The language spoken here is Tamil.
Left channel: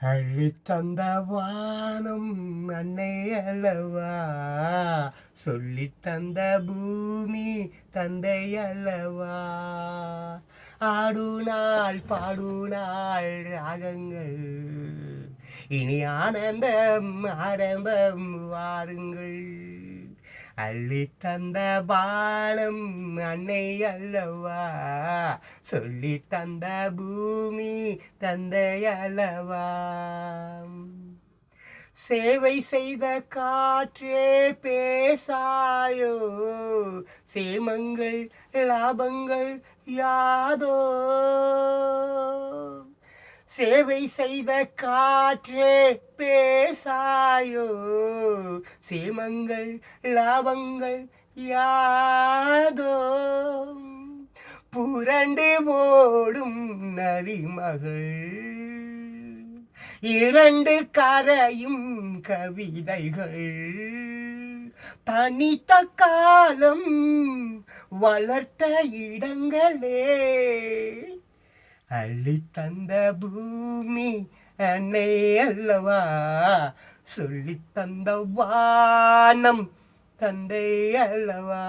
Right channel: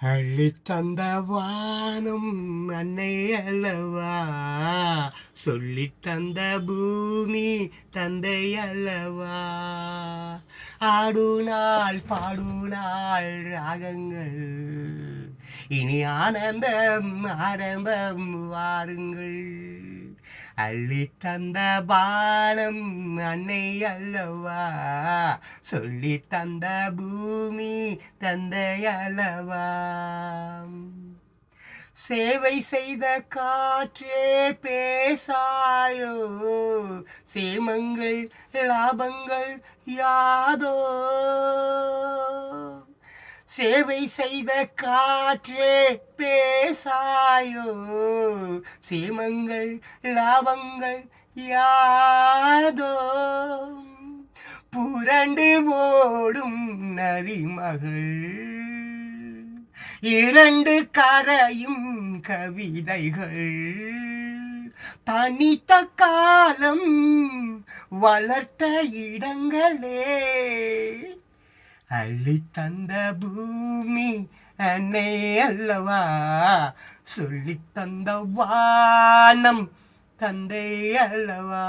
அள்ளித் தந்த வானம் அன்னை அல்லவா, சொல்லித் தந்த பூமி தந்தை அல்லவா. ஆடுநாள் பாடுநாள் ராகங்கள், இனி ஆனந்தம் ஆரம்பம் வாருங்கள். அள்ளித் தந்த பானம் அன்னை அல்லவா, சொல்லித் தந்த பூமி தந்தை அல்லவா. சேவை செய்த காற்றே பேசாயோ, சேமங்கள் லாபங்கள் யாதோ. சேவை செய்த காற்றே பேசாயோ, சேமங்கள் லாபங்கள் யாதோ. புரண்டு ஓடும் நதிமகள், இரண்டு கரையும் கவிதைகள், தனித்த காலம் வளர்த்த இடங்களே. அள்ளித் தந்த பூமி அன்னை அல்லவா, சொல்லித் தந்த வானம் தந்தை அல்லவா.